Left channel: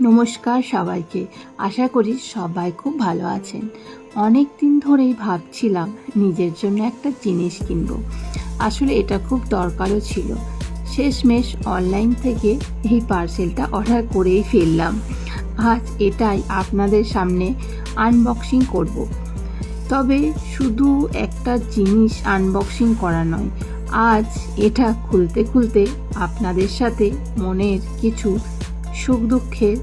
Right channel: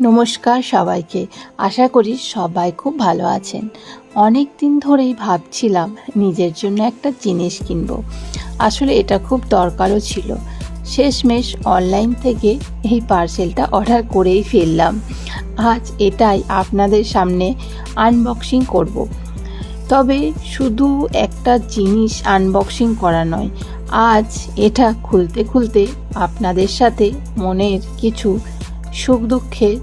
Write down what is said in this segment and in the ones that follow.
নমস্কার সবাইকে। আশা করি সবাই খুব ভালো আছেন। অনেক দিন ধরেই ভাবছিলাম নিজের জন্য একটা জিনিস কিনব। আসলে এটা খুব দরকারও ছিল। শেষমেশ অনলাইন থেকে এই পার্সেলটা অর্ডার করেই ফেললাম। আজ এটাই আপনাদের সামনে আনবক্সিং করব। তবে শুধু একটা জিনিস আনবক্সিং করা নয়, আজ এটা খুলতে খুলতে আপনাদের সাথে মনের কিছু সুখ দুঃখের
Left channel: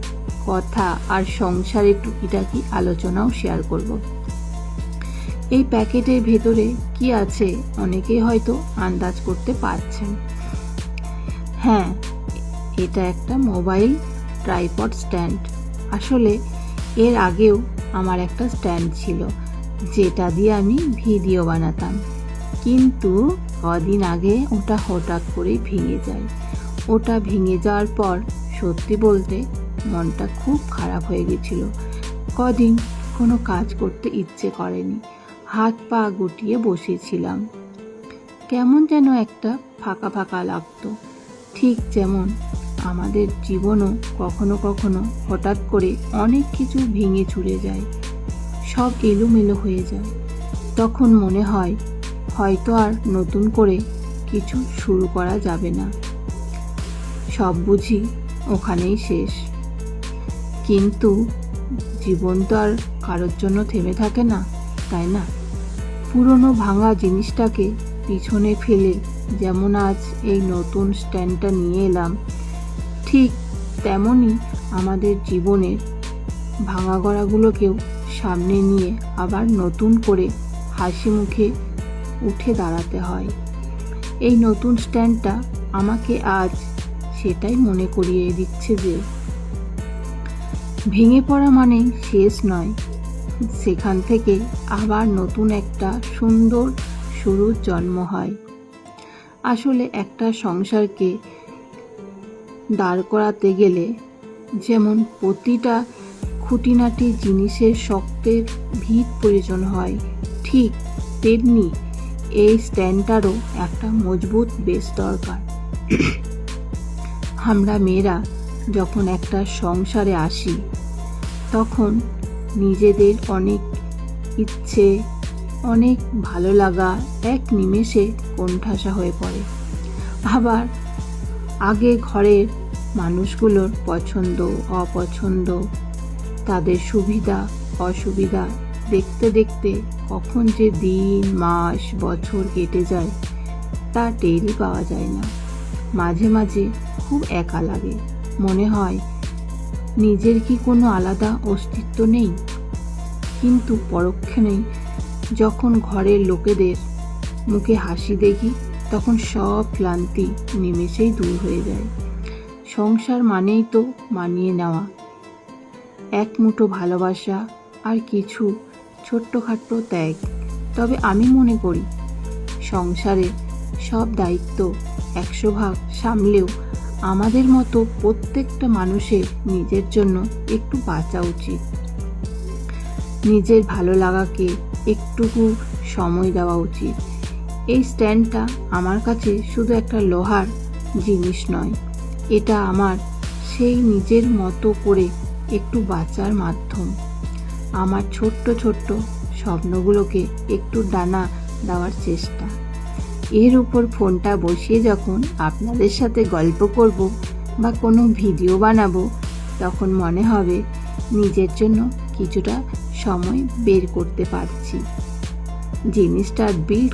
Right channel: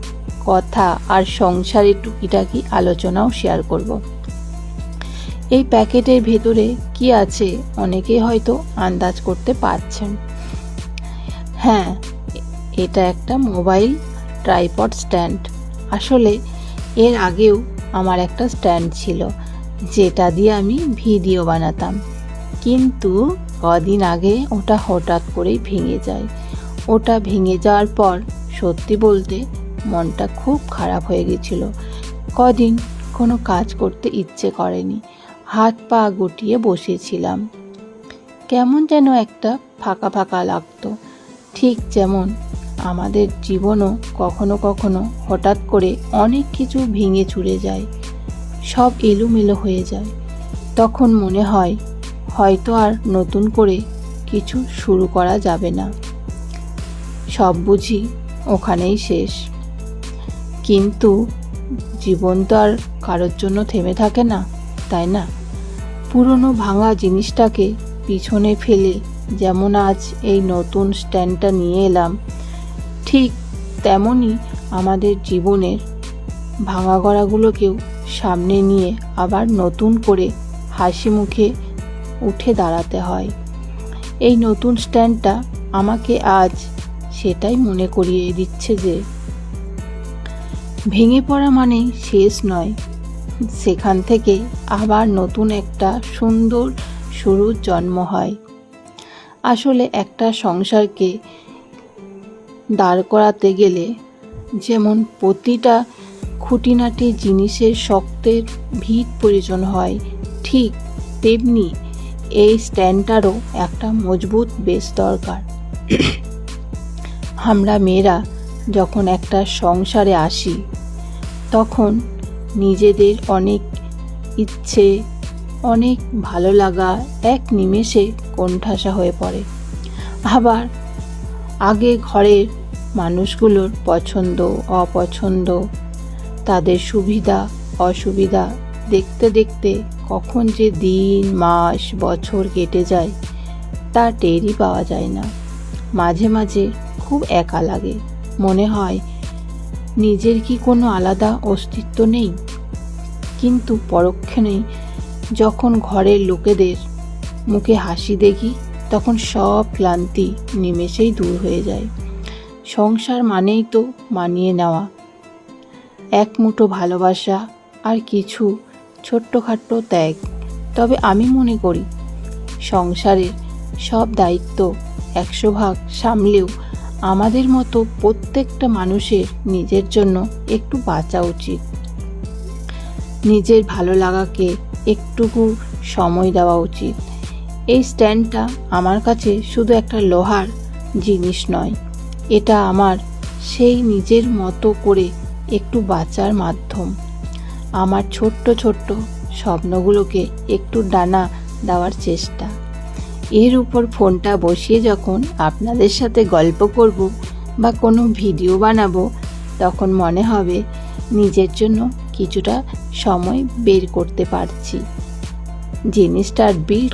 কথা আর সংসারের টুকিটাকি আলোচনাও শেয়ার করব। এই প্যাকেটের ভেতরে কি আছে অনেকে হয়তো আন্দাজ করতে পারছেন। হ্যাঁ, এটা একটা মোবাইল ট্রাইপড স্ট্যান্ড। আসলে এর আগেও আমার একটা স্ট্যান্ড ছিল, যেটা দিয়ে আমি ভিডিও বানাতাম, কিন্তু কদিন আগে ওটা হঠাৎ করেই ভেঙে যায়। ওটা ভেঙে যাওয়ার পর সত্যি বলতে মনটা খুব খারাপ হয়ে গেছিল। কদিন কোনো কাজ করতে ইচ্ছে করেনি, হাত পা গুটিয়ে বসেছিলাম। কেমন যেন একটা ফাঁকা ফাঁকা লাগতো। ঠিক যেমন আমাদের জীবনও কখনো কখনো হঠাৎ করে অনেক কিছু ভেঙে চুরে যায়, সব এলোমেলো হয়ে যায়। তখন মনে হয় হয়তো আর নতুন করে কিছু শুরু করা যাবে না, সব বুঝি ওখানেই শেষ। কিন্তু জীবন তো আর কারোর জন্য থেমে থাকে না, তাই না? পুরনো ভাঙা জিনিসটাকে পিছনে ফেলে যেমন আজ এই নতুন স্ট্যান্ডটা নিয়ে এলাম, ঠিক তেমনই আমাদের জীবনের ভাঙা গড়াগুলোকেও সামনে নিয়ে আবার নতুন করে হাসি মুখে উঠে দাঁড়াতে হয়। এই নতুন স্ট্যান্ডটা আমাকে আজ সেটাই মনে করিয়ে দিচ্ছে যে ভেঙে পড়া মানেই শেষ নয়, সেখান থেকে আবার নতুন একটা সুন্দর শুরুর জন্ম হয়। আসলে একটা সংসারকে দাঁড় করাতে গেলে যেমন প্রতিটা খুঁটিনাটি জিনিসের শক্তের ভিত প্রয়োজন হয়, ঠিক তেমনি এই স্ট্যান্ডটারও একটা মজবুত বেস দরকার। আমরা মেয়েরা যখন একটা সংসারে আসি, তখন নিজেদের অনেক ইচ্ছে, অনেক ভালো লাগা এক নিমেষে কোণঠাসা হয়ে পড়ে। আবার আগে ঘরের মানুষগুলোর পছন্দ অপছন্দ, তাদের সুবিধা অসুবিধা দেখতে দেখতে কখন যে দিন মাস বছর কেটে যায় তা টেরই পাওয়া যায় না। মাঝে মাঝে খুব একা লাগে, মনে হয় নিজের কি কোনো আলাদা অস্তিত্ব নেই। কিন্তু পরক্ষণেই যখন ঘরের লোকেদের মুখে হাসি দেখি, তখন সব ক্লান্তি নিমেষেই দূর হয়ে যায়। সংসার মানেই তো মানিয়ে নেওয়া, এক মুঠো ভালোবাসা আর কিছু ছোট্টখাট্টো ত্যাগ। তবে আমি মনে করি সংসারের সব দায়িত্ব 100 ভাগ সামলেও আমাদের মতো প্রত্যেকটা মানুষের নিজের জন্য একটু বাঁচা উচিত। নিজের ভালো লাগাকে একটুকু সময় দেওয়া উচিত। এই স্ট্যান্ডটা আমার কাছে শুধু একটা লোহার জিনিস নয়, এটা আমার সেই নিজের মতো করে একটু বাঁচার মাধ্যম। আমার ছোট্ট ছোট্ট স্বপ্নগুলোকে একটু ডানা দেওয়ার চেষ্টা। এর উপর ফোনটা বসিয়ে যখন আপনাদের সাথে গল্প করব বা কোনো ভিডিও বানাবো, তখন মনে হবে নিজের জন্য কিছুটা সময় বের করতে পারছি। জিনিসটার বিল্ড